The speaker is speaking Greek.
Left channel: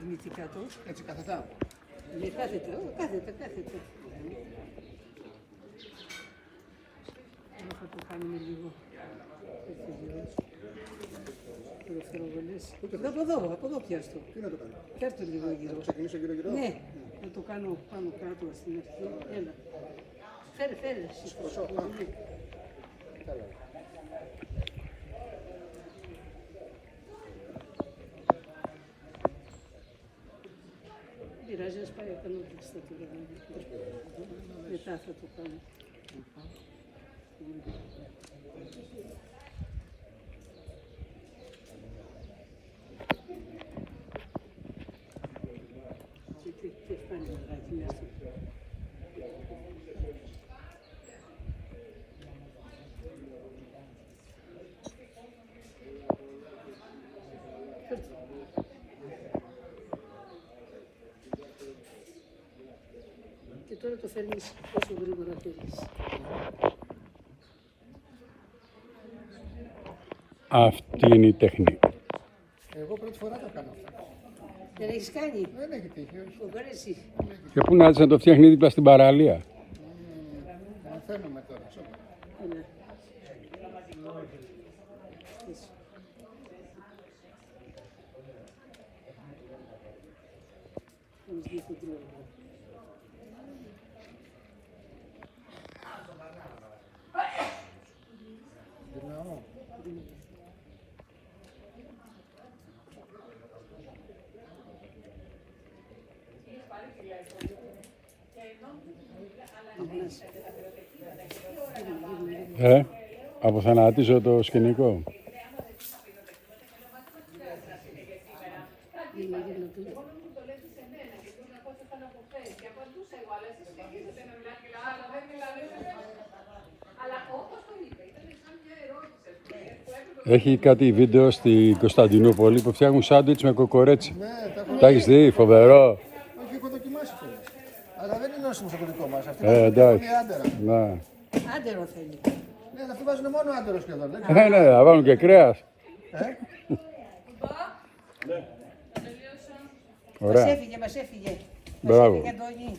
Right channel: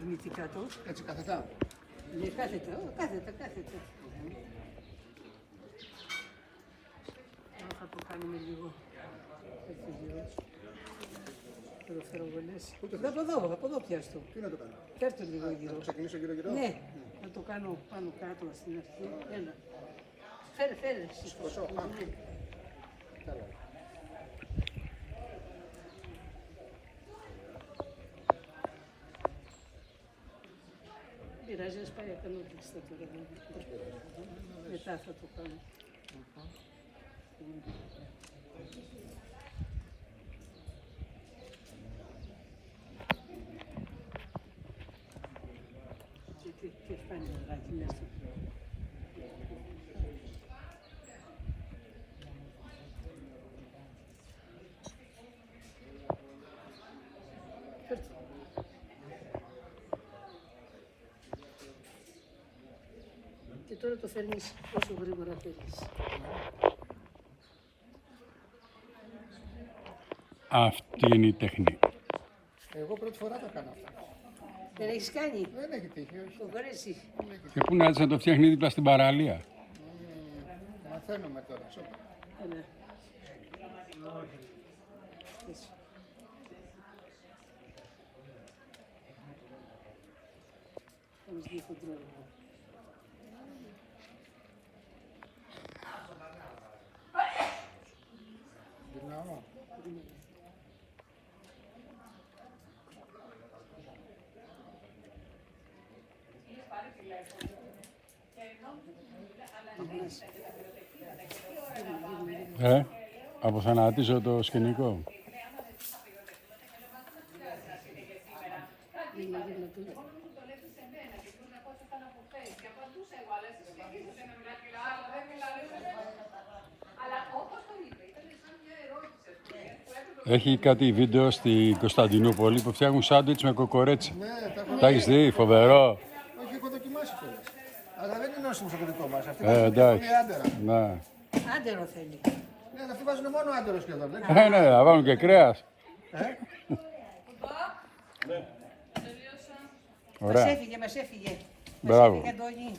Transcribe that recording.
Δημήτρη κάτω. Έτσι καθετά. Ναι, κάθετο. Θα το κάνουμε λίγο. Θα το δω, από εδώ πιάσω. Τι να το κάνω. Πιάσω λίγο Να γύρω. το ξεκινήσω γύρω-γύρω. Ναι, να το κάνω πάνω κάτω στην αρχή. Έλα. Φέρε. Σηκώσω. Ναι. Καλά. Πειράζει, ας πάει απάνω και στα τώρα. Μετά θα το κάνω. Και φτάνει να βράδυ μέσα. Και τώρα το φέρνεις όσο γρήγορα θέλεις. Αυτή είναι η τέχνη. Εγώ πρώτη φορά το κάνω. Δεν έχεις κάνει. Δεν έχει τύχει, όχι. Το βαρέσει. Και πού να το φτιάχνει δίπλα στην παραλία. Μαθαίνουμε τώρα. Ναι. Κάνεις δύο κοντρόλ. Γυρνάω. Αποθανατίζω το σκηνικό. Έχει κάτι βίντεο στη Κωνσταντινούπολη που φτιάχνουν σάντουιτς με κοκορέτσι. Ναι, τα έχω. Τα έχεις δει, φοβερό. Όχι, έχω δοκιμάσει τώρα. Αλλά δεν είναι όσο το δικό μας. Αυτή Εντάξει. είναι άντερα. Ναι. Άντερο θέλει. Ναι, αλλά αυτοί βάζουν μόνο άντερα σχεδόν. Ναι, θα βάλουν και κρέας. Ωραία. Μας έφυγε. Μπράβο. Μας έφυγε Αντώνη.